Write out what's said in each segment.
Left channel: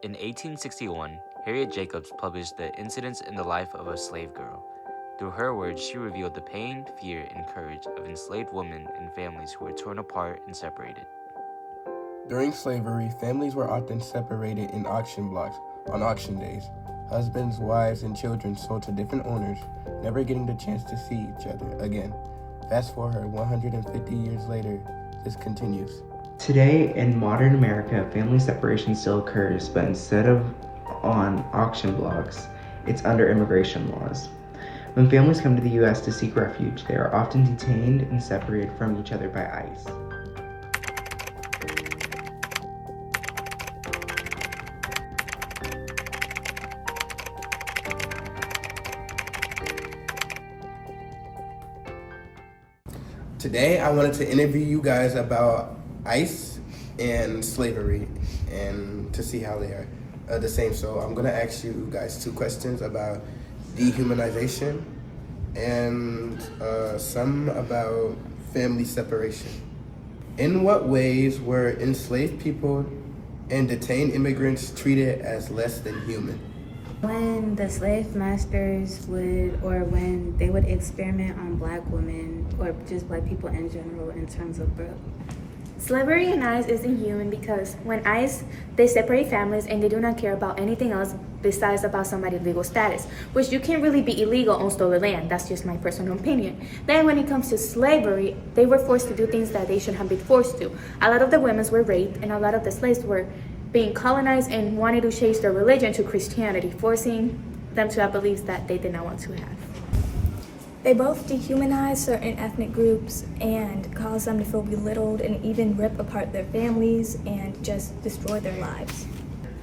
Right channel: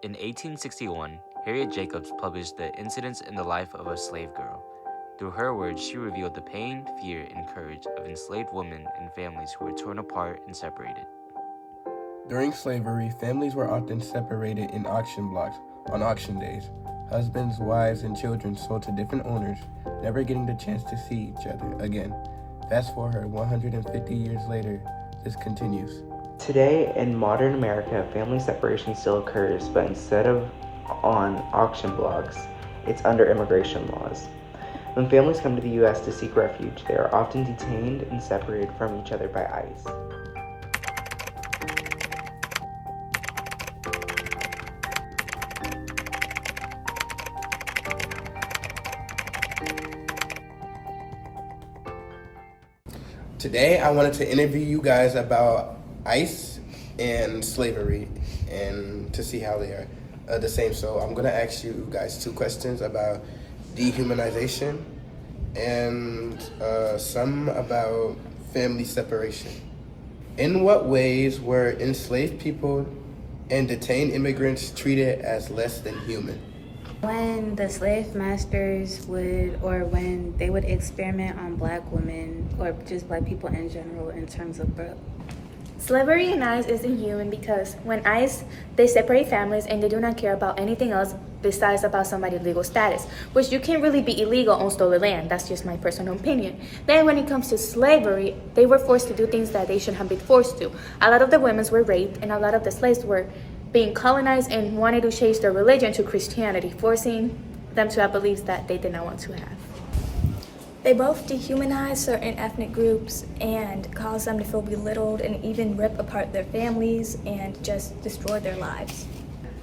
In 1861, Harriet Jacobs published The Incidents in the Life of a Slave Girl. Through her words, she revealed the pain, fear, and courage of enslaved women and families who were torn apart and separated. During slavery, families were often separated in auction blocks on auction days. Husbands, wives, and children sold to different owners, never getting the chance to see each other again. Fast forward 150 years later, this continues. Today, in modern America, family separation still occurs, but instead of on auction blocks, it's under immigration laws. When families come to the U.S. to seek refuge, they are often detained and separated from each other by ICE. Today, I wanted to interview you guys about ICE and slavery and to see how they are the same. So I'm gonna ask you guys 2 questions about dehumanization and some about family separation. In what ways were enslaved people and detained immigrants treated as less than human? When the slave masters when they would experiment on black women or just black people in general in terms of birth. Slavery in ICE isn't human because when ICE, they separate families and they do not care about anything else besides about somebody's legal status, which you can't really be illegal on stolen land. That's just my personal opinion. Then when it comes to slavery, they were forced to do things that they shouldn't have been forced to. A lot of the women were raped and a lot of the slaves were being colonized and wanted to change their religion to Christianity, forcing them to have beliefs that they did not want to have. They both dehumanize certain ethnic groups and cause them to feel belittled and even rip apart their families and just destroy their lives.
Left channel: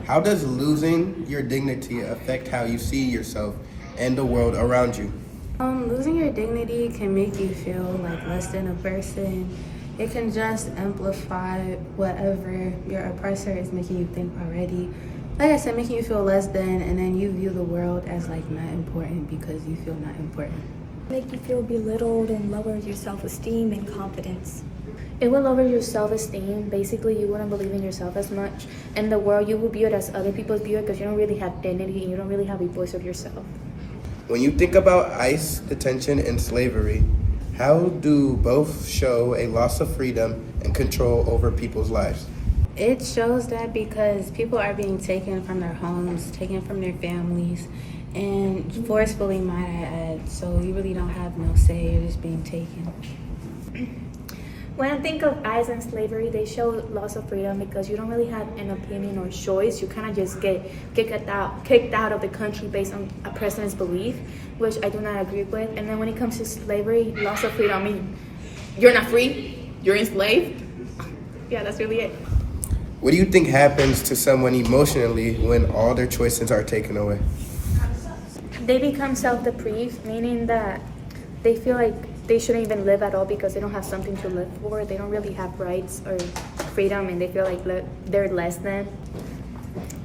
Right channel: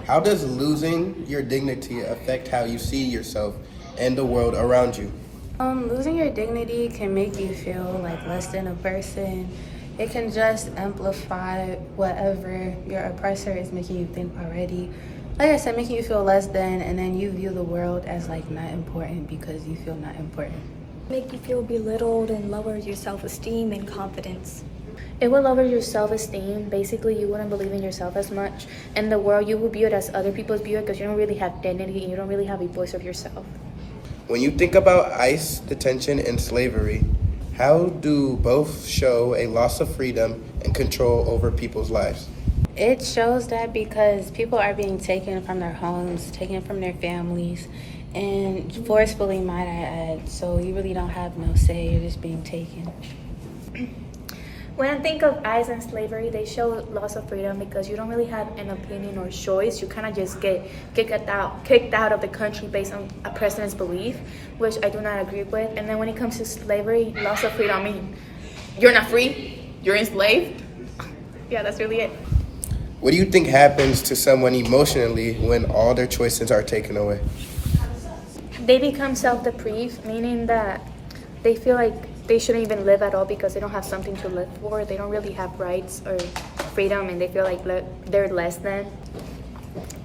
How does losing your dignity affect how you see yourself and the world around you? Losing your dignity can make you feel like less than a person. It can just amplify whatever your oppressor is making you think already. Like I said, making you feel less than, and then you view the world as like not important because you feel not important. Make you feel belittled and lower your self-esteem and confidence. It will lower your self-esteem. Basically, you wouldn't believe in yourself as much. In the world, you will view it as other people's view it because you don't really have dignity and you don't really have a voice of yourself. When you think about ICE detention and slavery, how do both show a loss of freedom and control over people's lives? It shows that because people are being taken from their homes, taken from their families, and forcefully, might I add. So you really don't have no say, you're just being taken. When I think of ICE and slavery, they show loss of freedom because you don't really have an opinion or choice. You kind of just get kicked out of the country based on a person's belief, which I do not agree with. And then when it comes to slavery, loss of freedom, I mean, you're not free, you're enslaved. Yeah, that's really it. What do you think happens to someone emotionally when all their choices are taken away? They become self-deprived, meaning that they feel like they shouldn't even live at all because they don't have something to live for. They don't really have rights or freedom, and they feel like they're less than.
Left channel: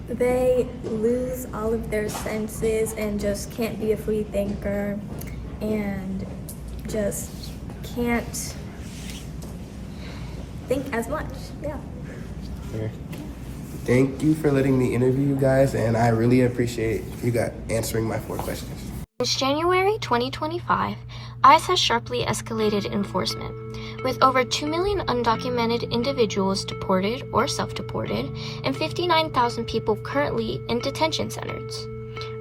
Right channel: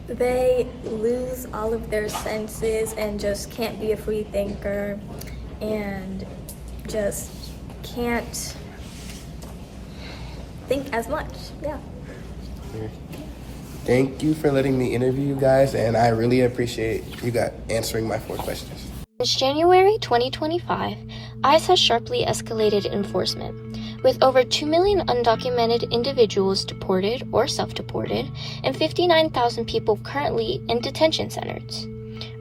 They lose all of their senses and just can't be a free thinker and just can't think as much. Yeah. Thank you for letting me interview you guys, and I really appreciate you guys answering my 4 questions. Since January 2025, ICE has sharply escalated enforcement, with over 2 million undocumented individuals deported or self-deported, and 59,000 people currently in detention centers.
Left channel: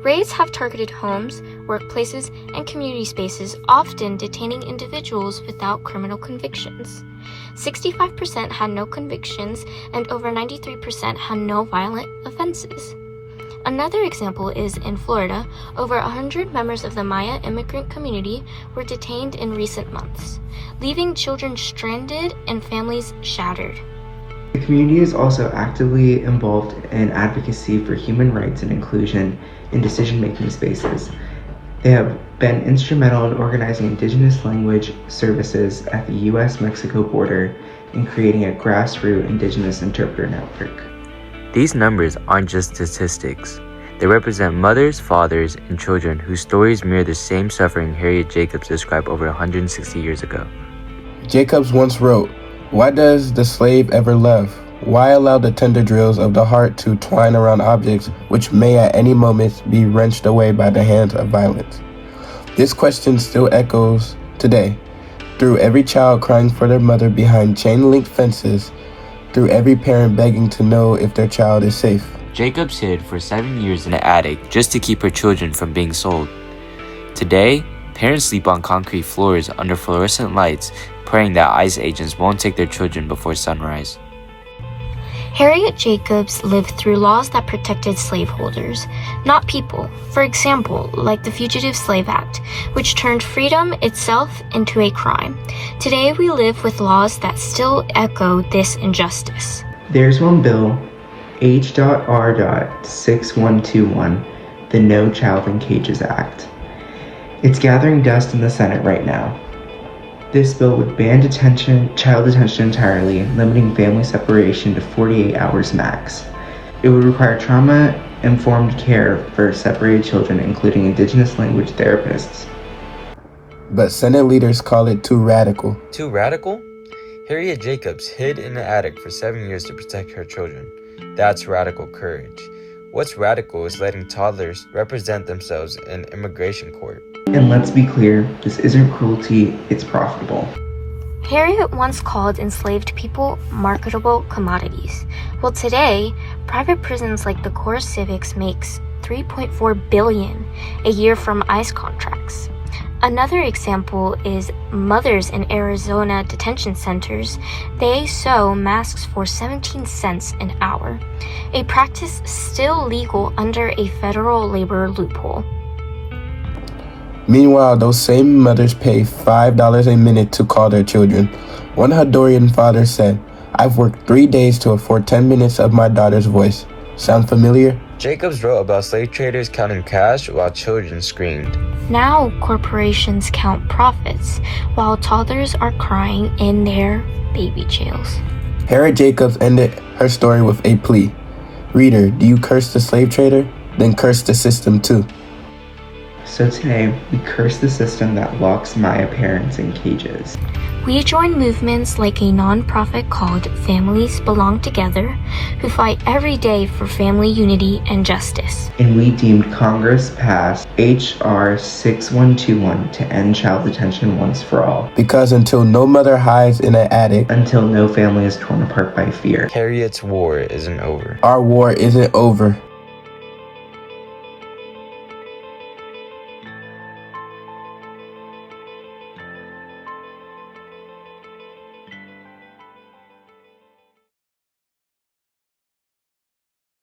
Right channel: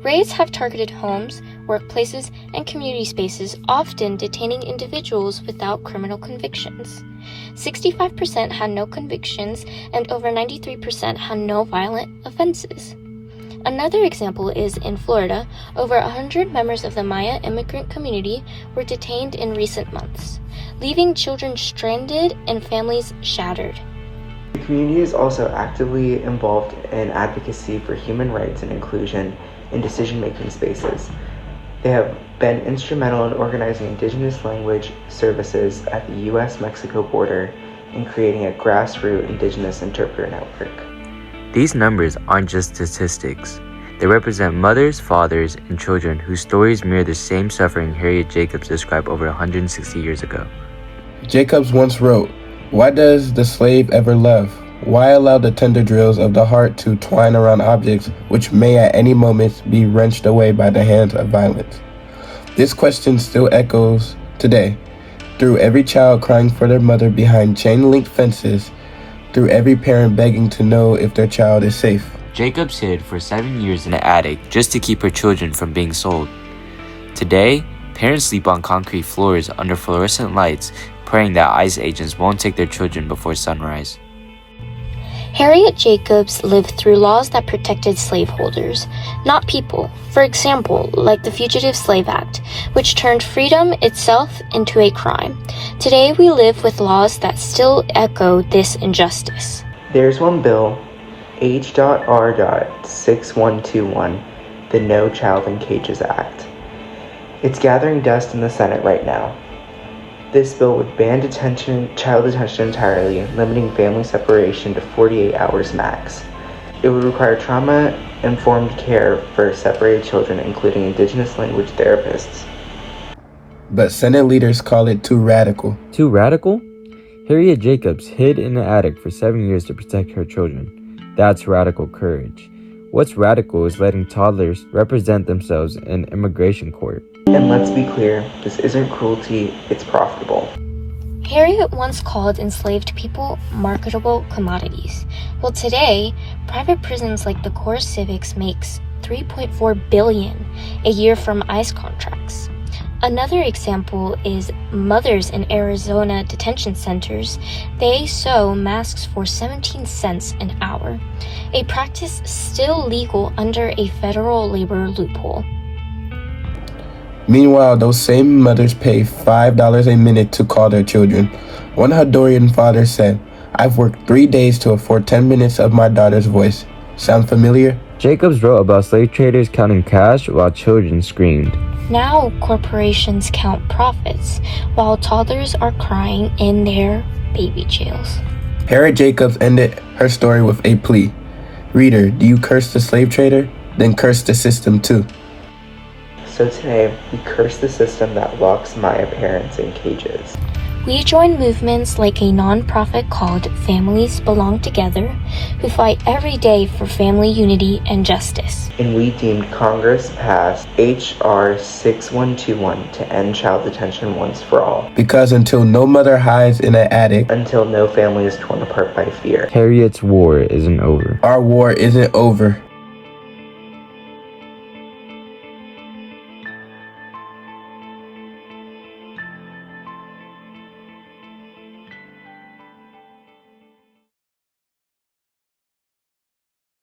Raids have targeted homes, workplaces, and community spaces, often detaining individuals without criminal convictions. 65% had no convictions, and over 93% had no violent offenses. Another example is in Florida, over 100 members of the Maya immigrant community were detained in recent months, leaving children stranded and families shattered. The community is also actively involved in advocacy for human rights and inclusion in decision-making spaces. They have been instrumental in organizing indigenous language services at the U.S.-Mexico border and creating a grassroots indigenous interpreter network. These numbers aren't just statistics. They represent mothers, fathers, and children whose stories mirror the same suffering Harriet Jacobs described over 160 years ago. Jacobs once wrote, "Why does the slave ever love? Why allow the tender drills of the heart to twine around objects which may at any moment be wrenched away by the hands of violence? This question still echoes today, through every child crying for their mother behind chain-link fences, through every parent begging to know if their child is safe. Jacobs hid for 7 years in an attic just to keep her children from being sold. Today, parents sleep on concrete floors under fluorescent lights, praying that ICE agents won't take their children before sunrise. Harriet Jacobs lived through laws that protected slaveholders, not people. For example, like the Fugitive Slave Act, which turned freedom itself into a crime. Today we live with laws that still echo this injustice. There's one bill, H.R.6121, the No Child in Cages Act. It's gathering dust in the Senate right now. This bill would ban child detention entirely, limiting family separation to 48 hours max. It would require trauma-informed care for separated children, including Indigenous language therapists. But Senate leaders call it too radical. Too radical? Harriet Jacobs hid in an attic for 7 years to protect her children. That's radical courage. What's radical is letting toddlers represent themselves in immigration court. And let's be clear, this isn't cruelty, it's profitable. Harriet once called enslaved people marketable commodities. Well, today, private prisons like the Core Civics makes $3.4 billion a year from ICE contracts. Another example is mothers in Arizona detention centers. They sew masks for 17 cents an hour, a practice still legal under a federal labor loophole. Meanwhile, those same mothers pay $5 a minute to call their children. One Honduran father said, "I've worked 3 days to afford 10 minutes of my daughter's voice." Sound familiar? Jacobs wrote about slave traders counting cash while children screamed. Now corporations count profits while toddlers are crying in their baby jails. Harriet Jacobs ended her story with a plea. Reader, do you curse the slave trader? Then curse the system too. So today, we curse the system that locks Maya parents in cages. We join movements like a nonprofit called Families Belong Together, who fight every day for family unity and justice. And we deemed Congress passed H.R. 6121 to end child detention once for all, Because until no mother hides in an attic, until no family is torn apart by fear. Harriet's war isn't over. our war isn't over.